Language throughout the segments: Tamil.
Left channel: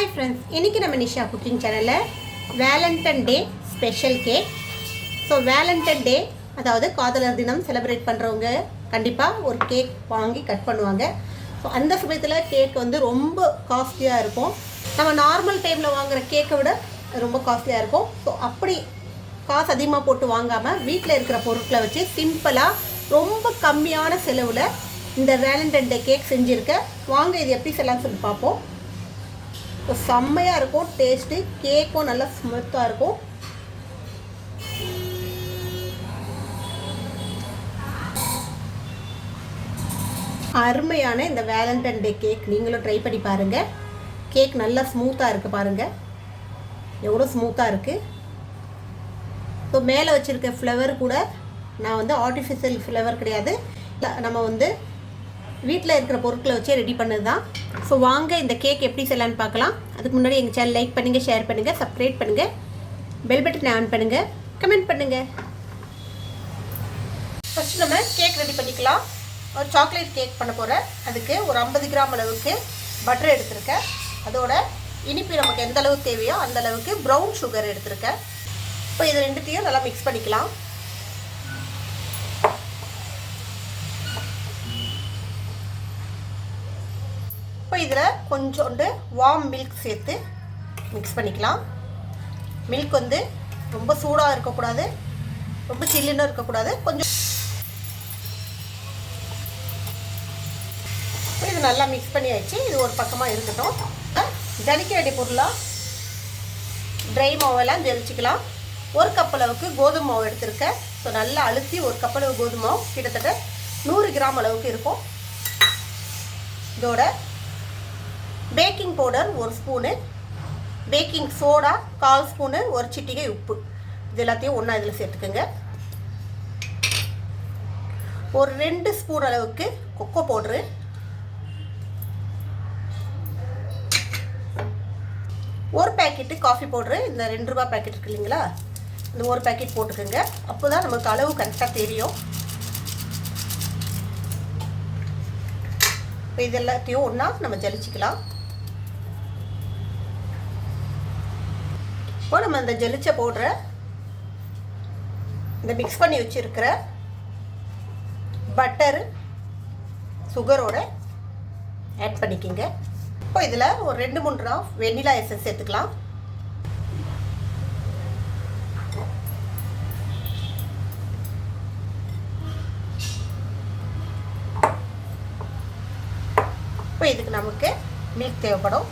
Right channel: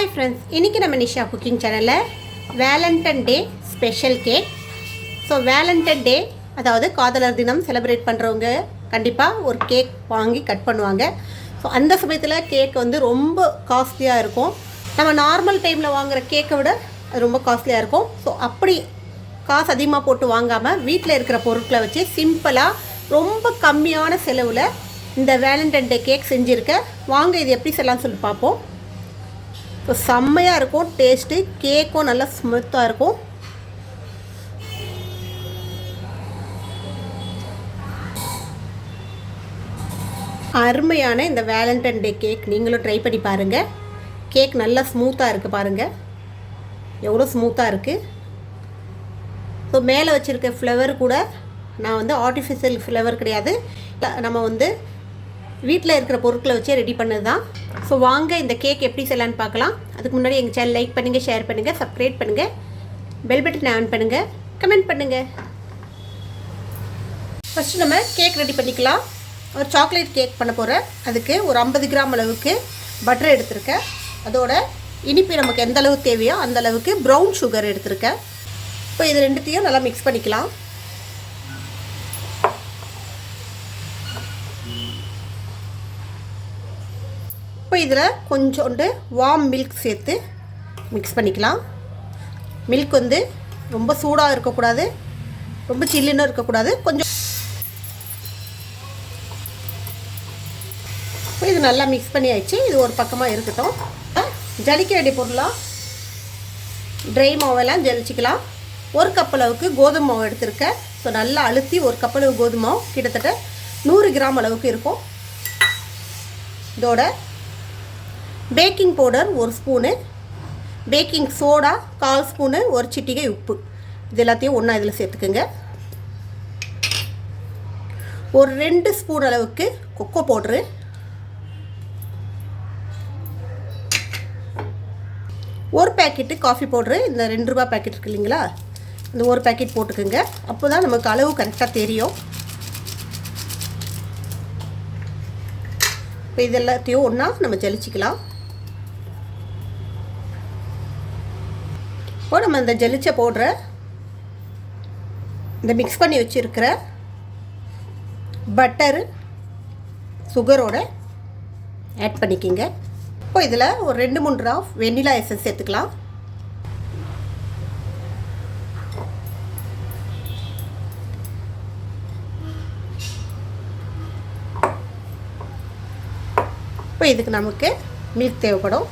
ஹாய் ஃப்ரெண்ட்ஸ், இன்றைக்கி நம்ம நிஷா குக்கிங் சேனலில் Valentine day special cake. So Valentine day அதாவது காதலர் தினம் செலிப்ரேட் பண்ணுறவங்க கண்டிப்பாக ஒரு கேக் வாங்கி கட் பண்ணுவாங்க. ஸோ அந்த சமயத்தில் கேக் வந்து ரொம்ப காஸ்ட்லியாக இருக்கும். நம்ம நார்மல் டைமில் வாங்குகிற கேக்கை விட அது ரொம்ப காஸ்ட்லியாக இருக்கும். ஸோ அப்படி காசு அதிகமாக போட்டு வாங்காமல் வீட்டில் இருக்கிற பொருட்களை வச்சு சிம்பிளாக ரொம்ப கம்மியான செலவில் இந்த வேலண்டைன் டே கேக் செஞ்சுருக்கேன். வாங்க இது எப்படி செய்யலாம்னு சொல்லி பார்ப்போம். இப்போ செம்மையாக இருக்கும், டேஸ்ட்டு கேக்கும் நல்லா ஸ்மூத்தாக இருக்கும். அருமையான இந்த வேலண்டைன் டே கேக் நீங்களும் ட்ரை பண்ணி பாருங்கள். கேக் நல்லா ஸ்மூத்தாக இருக்குது, பாருங்கள் எவ்வளோ ஸ்மூத்தாக இருக்குது. ஸோ மேலே வச்சுருக்க ஃப்ளவர் கூட நான் வந்து ஆர்டிஃபிஷியல் ஃப்ளவர் கிடையாது, நம்ம வந்து வீட்டில் இருக்கிற பொருட்களை வச்சு ரெடி பண்ணது தான். ஸோ வாங்க இந்த கேக் எப்படி செய்யலான்னு பார்க்கலாம். அதுக்கு முன்னாடி எங்கள் சேனல் லைக் பண்ணுங்கள், ஷேர் பண்ணுங்கள், சப்ஸ்கிரைப் பண்ணுங்கள், பெல் பட்டன் ஆன் பண்ணுங்கள், கமெண்ட் பண்ணுங்கள். ஃபஸ்ட்டு நம்ம கேக் ரெடி பண்ணிக்கலாம். ஒரு சாக்லேட் கேக் பண்ண போகிறேன். அதுக்கு ஒரு 50 கிராம் அளவுக்கு பட்டர் எடுத்திருக்கேன். அதோட இனிப்பு நமக்கு எந்த அளவுக்கு தேவையோ அந்த அளவுக்கு ப்ரௌன் சுகர் எடுத்திருக்கேன். இப்போ இது ரெண்டுத்தையும் நல்லா மிக்ஸ் பண்ணிக்கலாம். இப்போ இதில் கொஞ்சோண்டு வார்ம் மில்க் சேர்த்து மிக்ஸ் பண்ணிக்கலாம். மில்க் வந்து ரொம்ப சூடாக இருக்கக்கூடாது, ரொம்ப சில்லுன்னு இருக்கக்கூடாது, கொஞ்சம். இப்போ இது நல்லா மிக்ஸ் பண்ணி ஆயிடுச்சு. இது ஒரு பக்கமாக இருக்கட்டும். ஜலிக்க வேண்டிய பொருளாக ட்ரை மாவெல்லாம் ஜலிச்சிக்கலாம். ஒரு கப் அளவுக்கு கோதுமை மாவு எடுத்திருக்கேன். ஸோ நல்லா அழுத்தி ஒரு கப் அளவு கோதுமை மாவு கிட்டத்தட்ட 100 கிராம் அளவுக்கு இருக்கும். இதோட baking powder 1 spoon, baking soda 1/4 spoon, ஒரு சிட்டிகை உப்பு, இது எல்லாத்தையும் ஒன்றா இதில் சேர்த்துக்குங்க. ஒரு 2 ஸ்பூன் அளவுக்கு கொக்கோ பவுட்ரு, ஒரு பேக்கெட்டு காஃபி பவுட்ரு. இந்த 2 ரூபா பேக்கெட் இருக்கு இல்லைங்களா, இந்த ஒரு பேக்கெட் போட்டுக்குங்க. அப்போ தான் நமக்கு அளவு கரெக்டாக தெரியும். இப்போ இது எல்லாத்தையும் ஒன்றா நம்ம ஜலிச்சிக்கலாம். இப்போ நம்ம இந்த ஜலிச்ச பவுடரை இந்த மிக்ஸ் பண்ணி வச்சுருக்கிற பட்டர் சுகரோட ஆட் பண்ணிக்கிங்க. இப்போ இதில் ஒரு 2-3 ட்ராப் வெண்ணிலா எசன்ஸ் சேர்த்துக்கலாம். இப்போ இதுக்கு நமக்கு மில்க் தேவைப்படும்.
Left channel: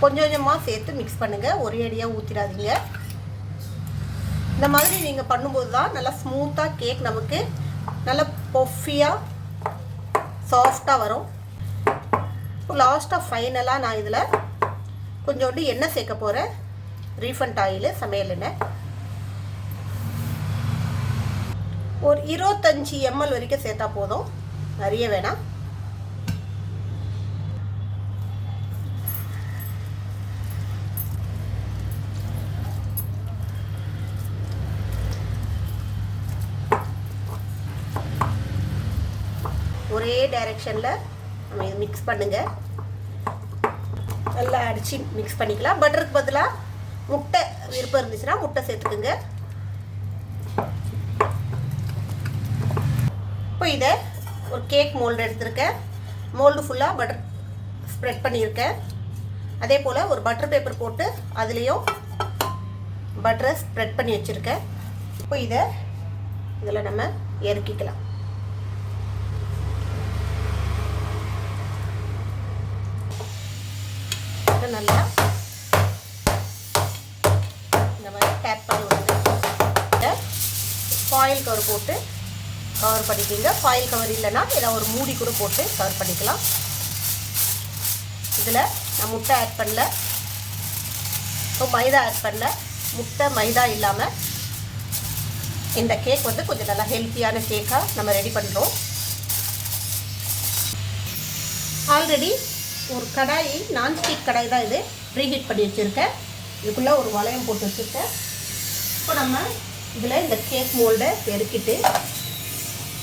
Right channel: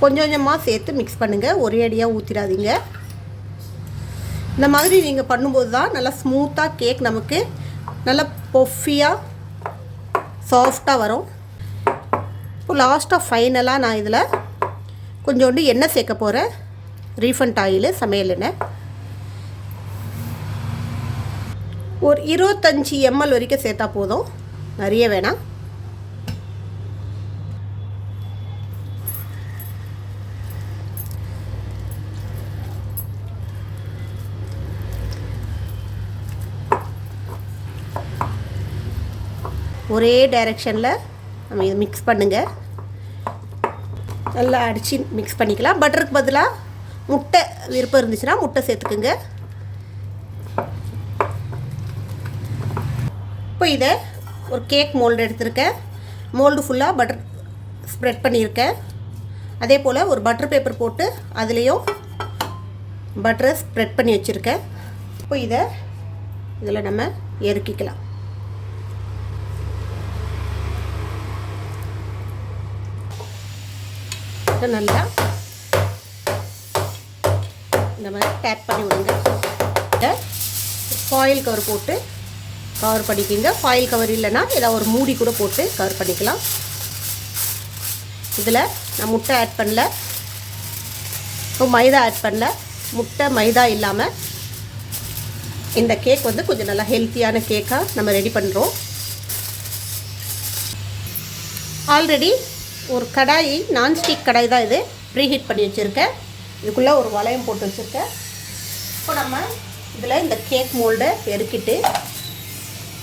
கொஞ்சம் கொஞ்சமாக சேர்த்து மிக்ஸ் பண்ணுங்கள், ஒரே அடியாக ஊற்றிடாதீங்க. இந்த மாதிரி நீங்கள் பண்ணும்போது தான் நல்லா ஸ்மூத்தாக கேக் நமக்கு நல்லா பொஃபியாக சாஃப்டாக வரும். இப்போ லாஸ்ட்டாக ஃபைனலாக நான் இதில் கொஞ்சோண்டு எண்ணெய் சேர்க்க போகிறேன். ரீஃபண்ட் ஆயில், சமையல் எண்ணெய். ஒரு 25 ml வரைக்கும் சேர்த்தா போதும், நிறைய வேணாம். ஒரே டைரெக்ஷனில் நம்ம இதை மிக்ஸ் பண்ணுங்கள். நல்லா அடித்து மிக்ஸ் பண்ணிக்கலாம். பட்டருக்கு பதிலாக முட்டை விருப்பம் இருந்துச்சுன்னா முட்டை சேர்த்துக்குங்க. இப்போ இதை ஒரு கேக் மோல்டு எடுத்திருக்கேன். மோல்டு ஃபுல்லாக பட்டர் ஸ்ப்ரெட் பண்ணியிருக்கேன். அதே போல் ஒரு பட்டர் பேப்பர் போட்டு அதுலேயும் பட்டரை ஸ்ப்ரெட் பண்ணி வச்சுருக்கேன். இப்போ இதில் நம்ம இறக்கிக்கலாம். நல்லா இந்த மாதிரி டேப் பண்ணி விடுங்க. இதை ஃபாயில் கவர் போட்டு கவர் பண்ணிக்கிங்க. ஃபாயில் கவர் இல்லைன்னா ஏதாவது ஒரு மூடி கூட போட்டு கவர் பண்ணிக்கலாம். இதில் நான் முட்டை ஆட் பண்ணல, இப்போ மைதா ஆட் பண்ணல. முட்டை மைதா இல்லாமல் இந்த கேக் வந்து கொஞ்சம் நல்லா ஹெல்த்தியான கேக்காக நம்ம ரெடி பண்ணுறோம். ஆல்ரெடி ஒரு கடாயி, நான்ஸ்டிக் கடாய் தான் இது, ப்ரீஹீட் பண்ணி வச்சுருக்கேன். இதுக்குள்ளே ஒரு வளையம் போட்டு வச்சுருக்கேன். இப்போ நம்ம இதில் இந்த கேக் மோல்டை எடுக்கிட்டு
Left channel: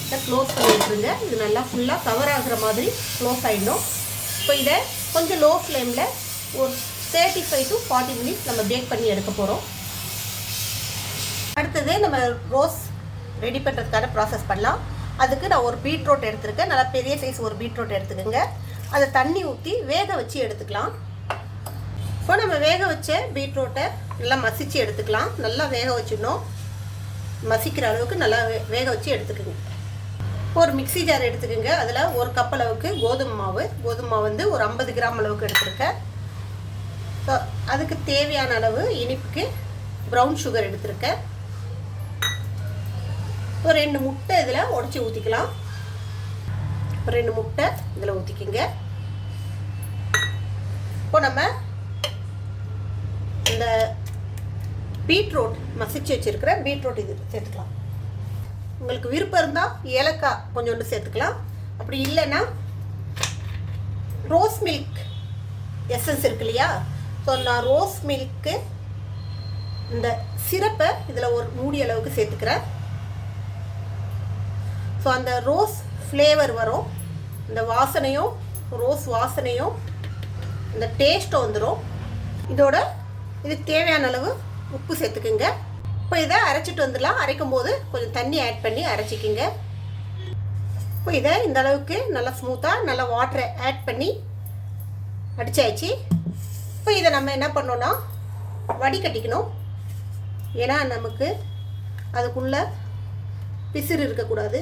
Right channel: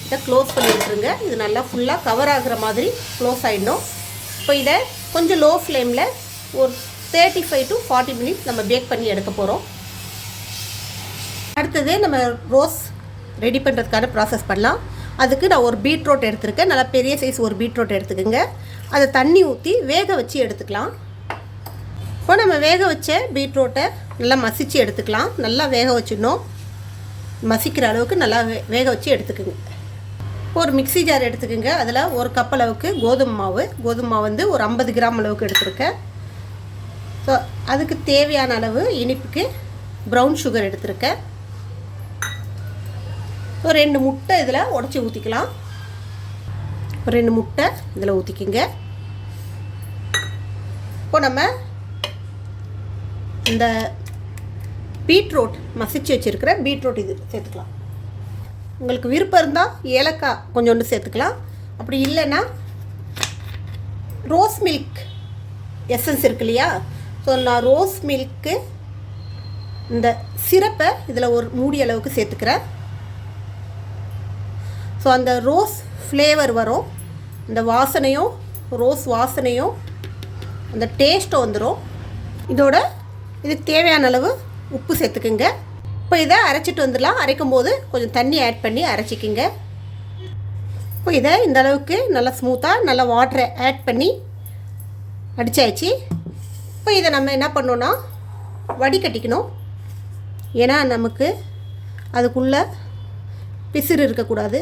இதை க்ளோஸ் பண்ணி விட்டுருங்க. இது நல்லா ஃபுல்லாக கவர் ஆகுற மாதிரி க்ளோஸ் ஆகிடணும். இப்போ இதை கொஞ்சம் லோ ஃப்ளேமில் ஒரு 35 to 40 மினிட்ஸ் நம்ம பேக் பண்ணி எடுக்க போகிறோம். அடுத்தது நம்ம ரோஸ் ரெடி பண்ணுறதுக்கான ப்ராசஸ் பண்ணலாம். அதுக்கு நான் ஒரு பீட்ரூட் எடுத்துருக்கேன். நல்லா பெரிய சைஸ் ஒரு பீட்ரூட் எடுத்துக்கோங்க. அதை தண்ணி ஊற்றி வேக வச்சு எடுத்துக்கலாம். இப்போ நம்ம வேக வச்ச பீட்ரூட்டை நல்லா மசித்து எடுத்துக்கலாம். நல்லா வேக வச்சிடணும். மசிக்கிற அளவுக்கு நல்லா வேக வச்சு எடுத்துக்கோங்க. ஒரு மிக்ஸி ஜார் எடுத்துக்கோங்க. அதில் ஒரு கப் அளவுக்கு கோதுமை மாவு வந்து ஒரு 50 கிராம் அளவுக்கு எடுத்துருக்கேன். ஸோ அதுக்கு தேவையான அளவு இனிப்புக்கு ப்ரௌன் சுகர் எடுத்துருக்கேன். ஒரு 2 முட்டை இதில் உடச்சி ஊற்றிக்கலாம். ஒரு 2 முட்டை இதில் ஊற்றிக்கிங்க. இப்போ நம்ம இந்த பீட்ரூட் மசிச்சு வச்சுருக்கிற பீட்ரூட் இது சேர்த்துக்கலாம். உங்களுக்கு விருப்பம் இருந்தால் ஏலக்காய் கொஞ்சோண்டு சேர்த்துக்கலாம். அப்படி இல்லைன்னா ரோஸ் மில்க் எசன்ஸ் இருக்கு இல்லையா, ஸோ நான் ரோஸ் மில்க்கு இந்த சிரப்பை இதில் ஒரு மூடி அளவுக்கு சேர்த்துக்கிறேன். ஸோ அந்த ரோஸ் ஃப்ளேவர் வரும். இந்த வாசனையும் ரோஸ் வாசனையும் அந்த டேஸ்ட்டும் வந்துடும். இதோட இதுக்கு தேவையான அளவு உப்பு சேர்த்துக்குங்க. இப்போ இதை அரைச்சிட்டு வந்துடலாம். அரைக்கும் போது கொஞ்சம் தண்ணி ஆட் பண்ணி அரைச்சிக்கிங்க. இப்போ இதை இந்த அளவுக்கு நல்லா ஸ்மூத்தாக நல்லா வாட்டரை ஆட் பண்ணி அடித்தாச்சு. இப்போ இதை நம்ம என்ன பண்ணோன்னா வடிகட்டிக்கணும். ஏன்னா நமக்கு அதுக்குள்ளே பிசிறு இருக்கக்கூடாது.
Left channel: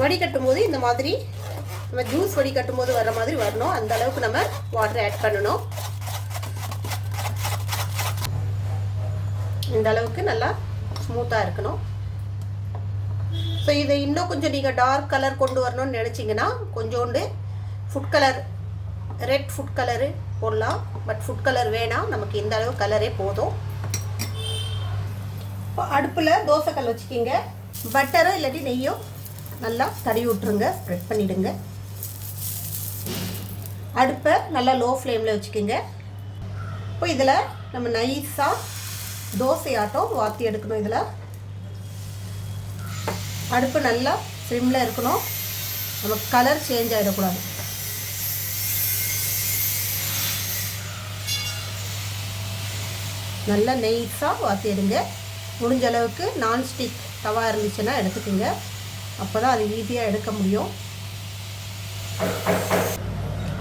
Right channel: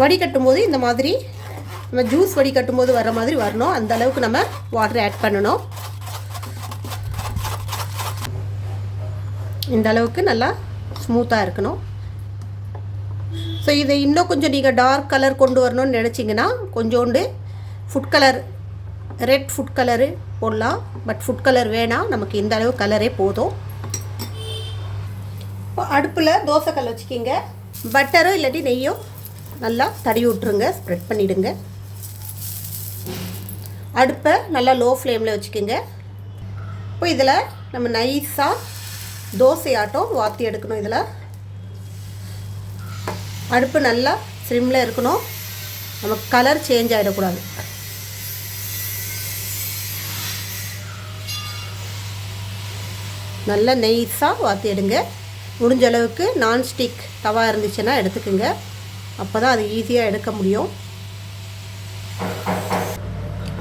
வடிகட்டும் போது இந்த மாதிரி நம்ம ஜூஸ் வடிகட்டும் போது வர மாதிரி வரணும். அந்த அளவுக்கு நம்ம வாட்டர் ஆட் பண்ணணும். இந்த அளவுக்கு நல்லா ஸ்மூத்தாக இருக்கணும். ஸோ இதை இன்னும் கொஞ்சம் நீங்கள் டார்க் கலர் கொண்டு வரணும்னு நினச்சிங்கன்னா கொஞ்சோண்டு food colour, red food colour போடலாம். பட் ஃபுட் கலர் வேணாம், நமக்கு இந்த அளவு கலரே போதும். அடுப்பில் தோசைக்கல் வச்சுக்கிங்க. பட்டரோ இல்லாட்டி நெய்யோ நல்லா தடவி விட்ருங்க, ஸ்ப்ரெட் பண்ணிவிடுங்க. அடுப்பை நல்லா லோ ஃப்ளேமில் வச்சுக்கோங்க. இப்போ இதில் நம்ம நைஸாக தோசை ஆட்டம் வாற்றி எடுக்கணும். இதில் அடுப்பு நல்லா ஸ்லிம்மில் இருக்கணும். நமக்கு கலர் சேஞ்ச் ஆகிடக்கூடாது. நல்லா நைஸாக வாற்றி எடுங்க. முடிஞ்ச அளவுக்கு நான்ஸ்டிக் தவா இருந்துச்சுன்னா எடுத்துக்கோங்க. அப்போ தான் அது ஈஸியாக எடுக்க முடியும்.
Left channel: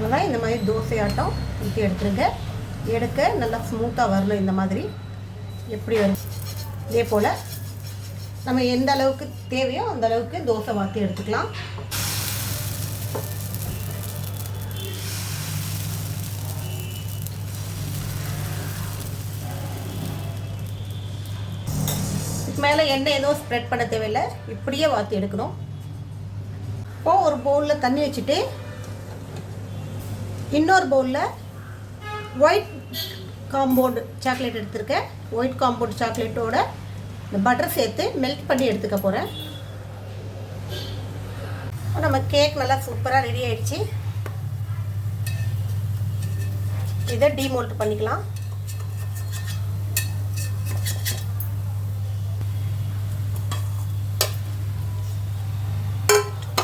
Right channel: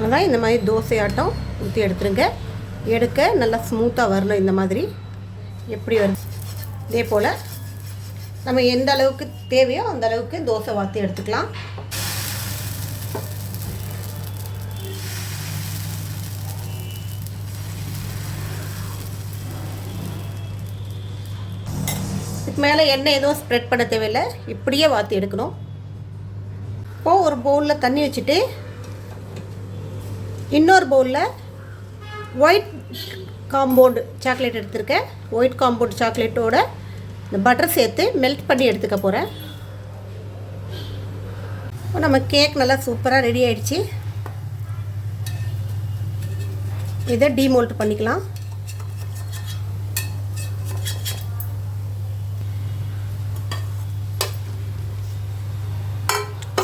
ஆனால் இந்த மாதிரி தோசை ஆட்டம் ஊற்றி எடுத்துருங்க. எடுக்க நல்லா ஸ்மூத்தாக வரணும். இந்த மாதிரி எப்படி வரும் இதே போல் நம்ம எந்த அளவுக்கு தேவையோ அந்த அளவுக்கு தோசை வாற்றி எடுத்துக்கலாம். மேலே எண்ணெய் எதுவும் ஸ்ப்ரெட் பண்ண தேவையில்லை, இப்படியே வாற்றி எடுக்கணும். இப்போது ஒரு பவுலில் தண்ணி வச்சுட்டு இன்னொரு பவுலில் ஒயிட் காம்பவுண்டு சாக்லேட் எடுத்துருக்கேன். ஒயிட் காம்பவுண்ட் சாக்லேட்டோட இந்த பட்டர் சேர்த்து மெல்ட் பண்ணி எடுத்துக்க போகிறேன். நம்ம கேக் நல்லா சூப்பராக ரெடி ஆகிடுச்சு. இதை டீமோல்ட் பண்ணிக்கலாம்.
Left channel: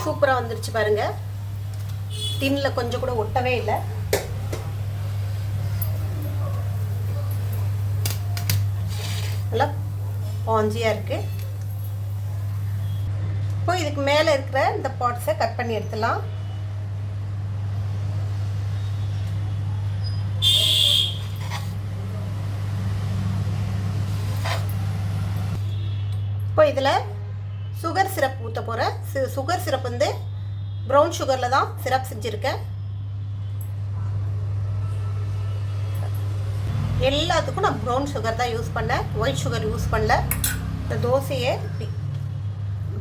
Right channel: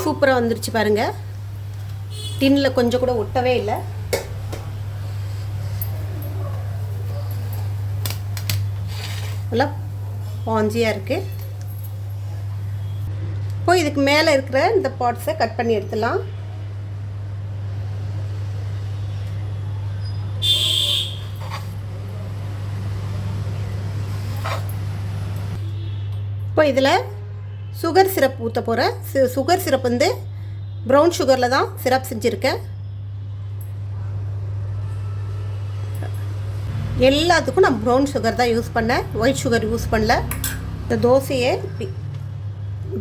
சூப்பராக வந்துருச்சு பாருங்கள். டின்னில் கொஞ்சம் கூட ஒட்டவே இல்லை. நல்லா பாஞ்சியாக இருக்குது. இப்போ இதுக்கு மேலே இருக்கிற இந்த பார்ட்ஸை கட் பண்ணி எடுத்துடலாம். இப்போ இதில் சுகர் சிரப் ஊற்ற போகிறேன். சுகர் சிரப் வந்து ப்ரௌன் சுகரில் தான் சிரப் செஞ்சுருக்கேன். எல்லாத்துக்கும் நான் ப்ரௌன் சுகர் தான் யூஸ் பண்ணேன், ஒயிட் சுகர் யூஸ் பண்ணல. இந்த தோசையை இப்படி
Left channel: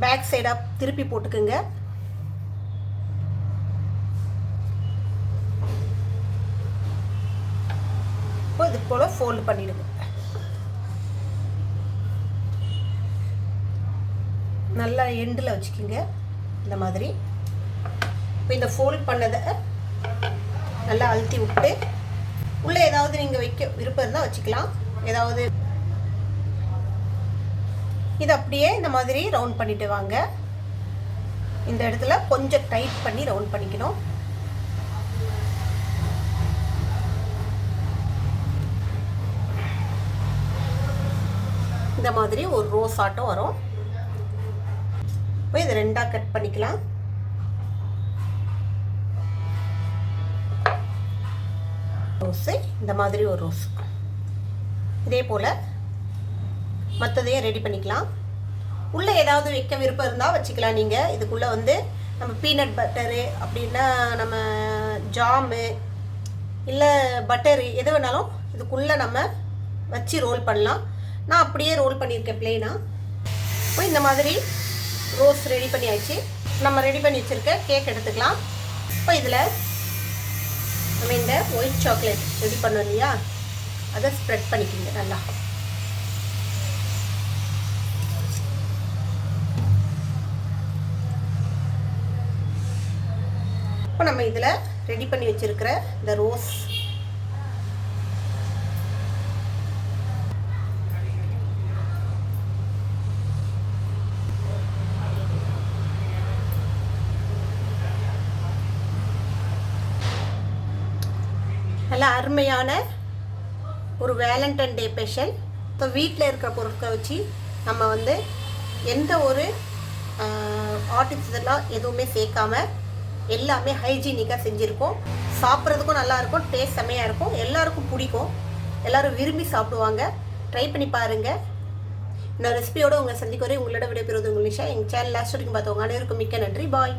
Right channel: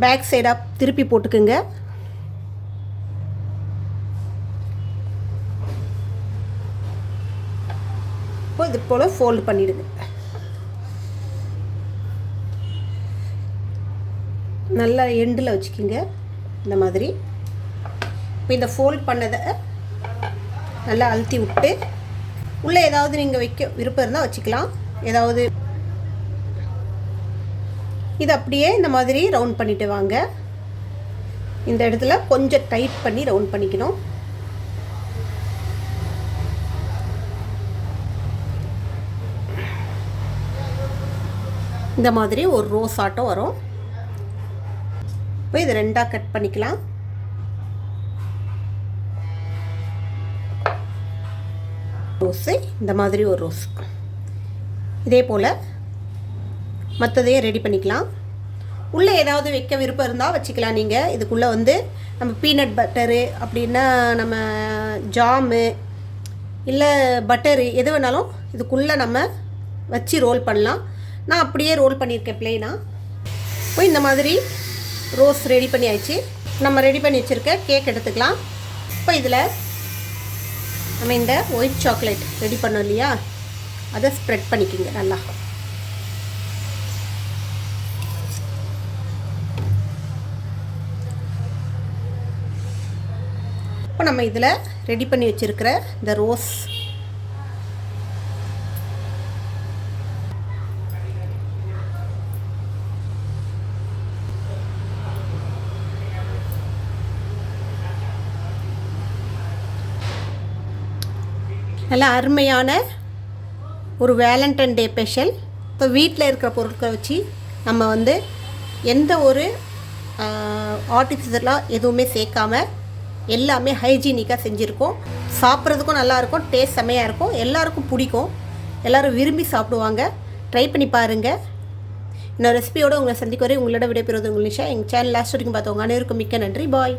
பேக் சைடாக திருப்பி போட்டுக்குங்க. இப்போ இது போல் ஃபோல்டு பண்ணிவிடுங்க. நல்லா எண்டில் வச்சுக்கிங்க இந்த மாதிரி. இப்போ இந்த ஃபோல்ட் பண்ணதை நல்லா அழுத்தி விட்டு உள்ளே ஏதாவது நீங்கள் வைக்க விருப்பம் இருந்தால் வச்சுக்கலாம். ஏதாவது இது அப்படியே இந்த மாதிரி ரவுண்ட் பண்ணிட்டு வாங்க. இந்த இடத்துல கொஞ்சம் டைட் பண்ணி ரவுண்ட் பண்ணிக்கணும். இந்த மாதிரி ஒரு ரோஸ் ஆட்டம் வரும். இப்போ இது ரெண்டாக கட் பண்ணிக்கலாம். ரோஸு இந்த மாதிரி ஒரு ரோஸ். இதே போல் மற்றதையும் ரெடி பண்ணிக்கலாம். உள்ளே ஏதாவது வைக்க விருப்பம் இருந்தால் வச்சுக்கலாம். நீங்கள் இதுக்குள்ளே வந்து நம்ம பீனட் பட்டரு அப்படின்னா நம்ம ஜாமு இல்லை பட்டரு எது வேணாலும் இதுக்குள்ளே நம்ம வச்சு ரோல் பண்ணலாம். நான் அப்படியே ரோல் பண்ணியிருக்கேன் ப்ளெயினாக. இப்போ இந்த மாதிரி ரோஸ் ரெடி பண்ணி ஆயிடுச்சு. நம்ம ரெடி பண்ணி வச்சுருக்க கேக் எடுத்துக்கலாம். இப்போ இதில் நம்ம இந்த ஒயிட் சாக்லேட் ரெடி பண்ணோம் இல்லையா, அதை ஸ்ப்ரெட் பண்ணிக்கிங்க நல்லா. இப்போ நம்ம இதில் ரெடி பண்ணி வச்சுருக்கிற இந்த ரோஸ் நல்லா அருமையான ஒரு வேலண்டைன் டே ஸ்பெஷல். இப்போ வீட்டில் இருக்கிற பொருட்களை வச்சு நம்ம வந்து எந்த ஒரு ஆர்டிஃபிஷியலாக எதுவுமே சேர்க்காமல் எல்லாமே ஹைஜீனிக்காக செஞ்சுருக்கோம். சாப்பிட்றதுக்கும் நல்லாயிருக்கும், டேஸ்ட் செம்மையாக இருக்கும், எல்லாருக்கும் பிடிக்கும், எல்லோரும் விரும்பி சாப்பிடுவாங்க. ட்ரை பண்ணி பாருங்கள். இன்னொரு ரெசிபியோடு உங்களை சந்திக்க வரை உங்களோட விடைபெறுவது உங்கள் நிஷா. எங்கள் சேனல் லாஸ்ட் வரைக்கும் பார்த்தவங்க அனைவருக்கும் மிக்க நன்றி. பாய்.